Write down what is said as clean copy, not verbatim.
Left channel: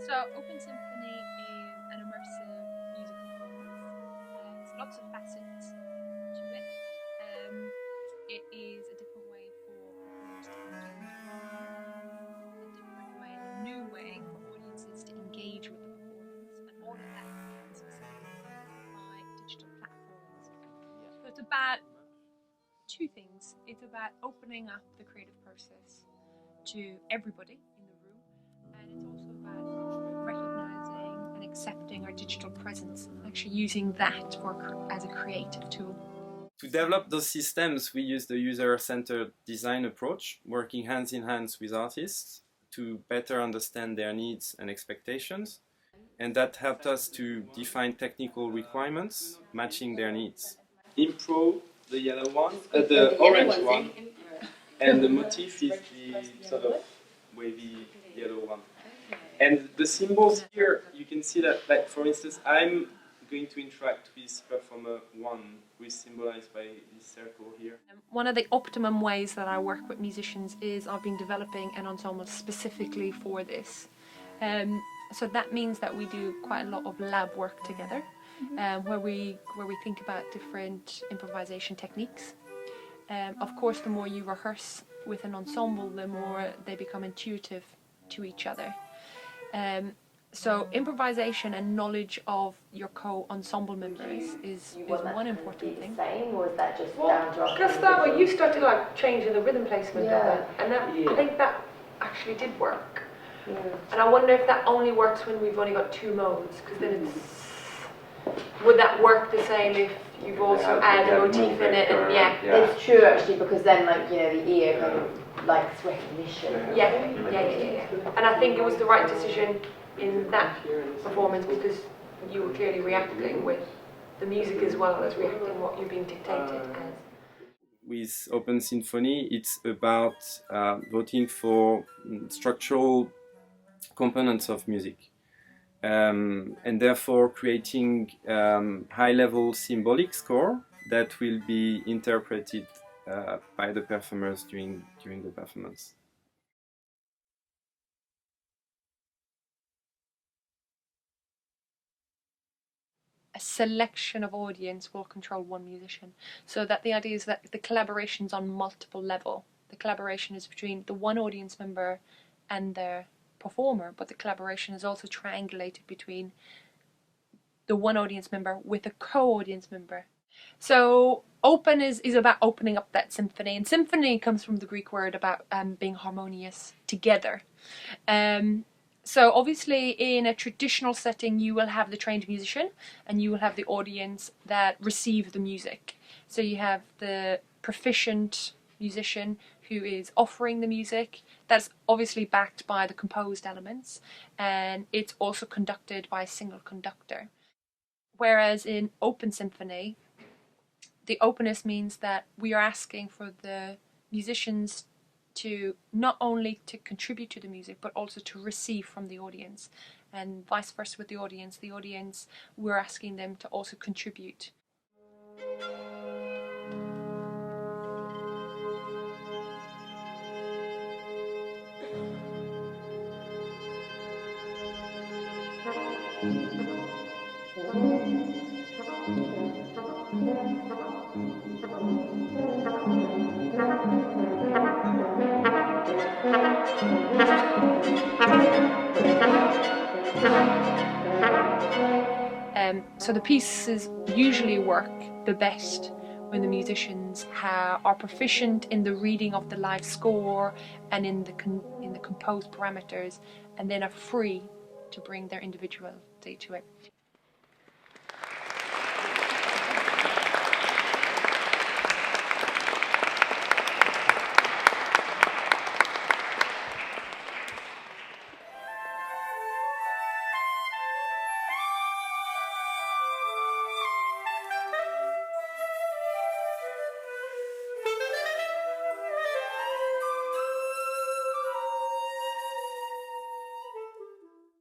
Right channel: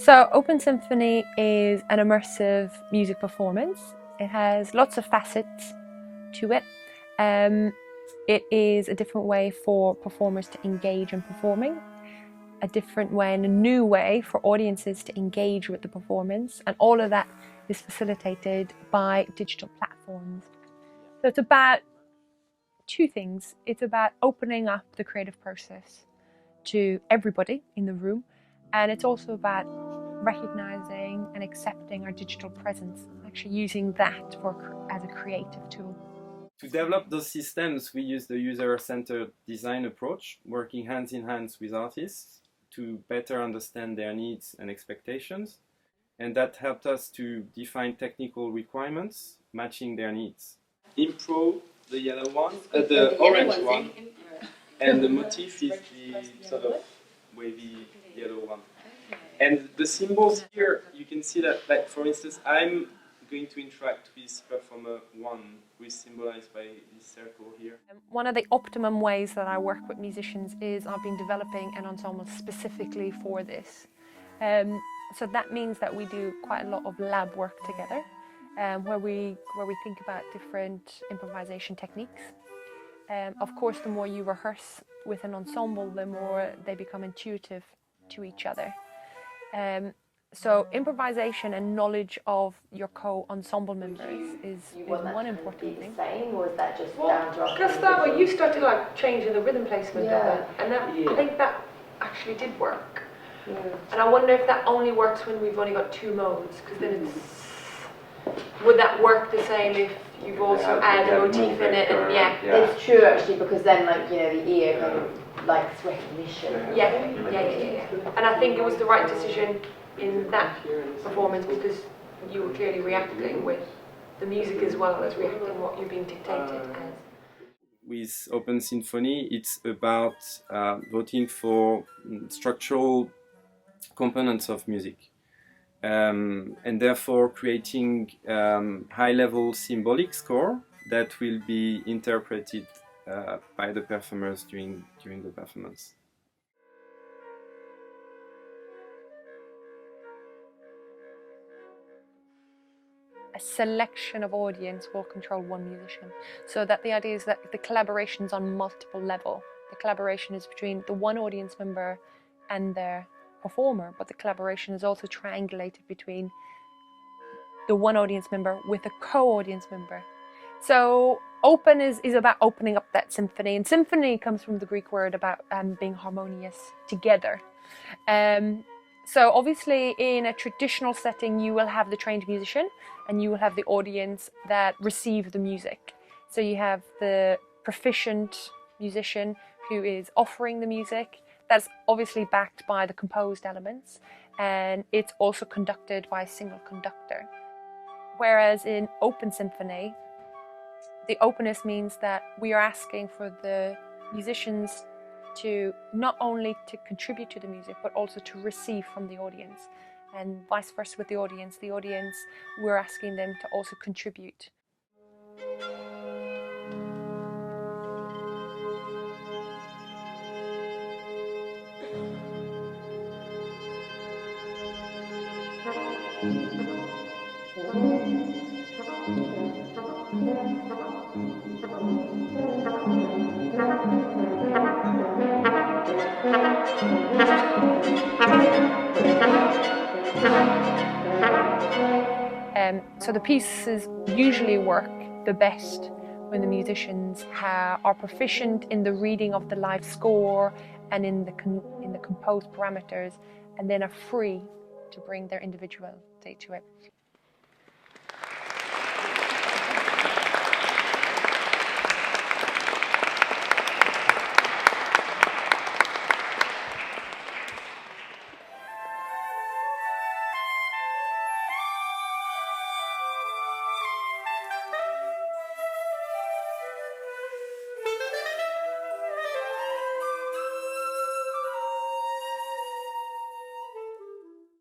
So Open Symphony is an immersive music performance. It has lots of facets to it. It is a different way for performers to engage in performing, a different way and a new way for audiences to engage with the performance, and all of that is facilitated by digital platforms. So it's about two things. It's about opening up the creative process to everybody in the room, and it's also about recognizing and accepting our digital presence, actually using that as a creative tool. To develop those systems, we use the user-centered design approach, working hands in hand with artists to better understand their needs and expectations. And that helped us to define technical requirements matching their needs. Impro, the yellow one, the orange one, and the motif is the sort of wavy yellow one. And the symbols here, you can see that, like, for instance, I'm going to interact with performer 1, who is symbolized by this circle here. One of the optimum ways that I work with musicians is I've been developing an ensemble specifically for this. So that means that we do quite a lot of lab work together, where we think about different improvisation techniques. Of course, the more you rehearse with an ensemble, the more they become intuitive to each other. So improvisation and knowledge of your co-ensemble members is one important thing. Same, or is that just down to Just that way you started like changing the rhythm placement of it, and that, I think that actually did work. Yeah. And I wonder if that only works when we've only got two modes, because then would that work the same if you've also added a motif in it? And it's true actually, because then the ear kind of likes recognition. Yeah. And I think it was the right decision in that performance, because you were clearly reacting with the music as well as reacting what you're being dictated as. With Open Symphony, it's about voting for structural components of music, and therefore creating high-level symbolic score that will be interpreted by the performers during the performance. A selection of audience will control one musician, so that the idea is that the collaboration's on multiple levels. The collaboration is between the one audience member and their performer, but the collaboration is also triangulated between the one audience member with a co-audience member. So open is about opening up that symphony, and symphony comes from the Greek word about being harmonious together. So obviously in a traditional setting you will have the trained musician and you will have the audience that receive the music. So you have the proficient musician who is offering the music, that's obviously backed by the composed elements, and it's also conducted by a single conductor. Whereas in Open Symphony, the openness means that we are asking for the musicians to not only to contribute to the music, but also to receive from the audience, and vice versa with the audience. The audience, we're asking them to also contribute. So the pieces usually work the best when the musicians are proficient in the reading of the live score and in the composed parameters, and then are free to bring their individuality to it.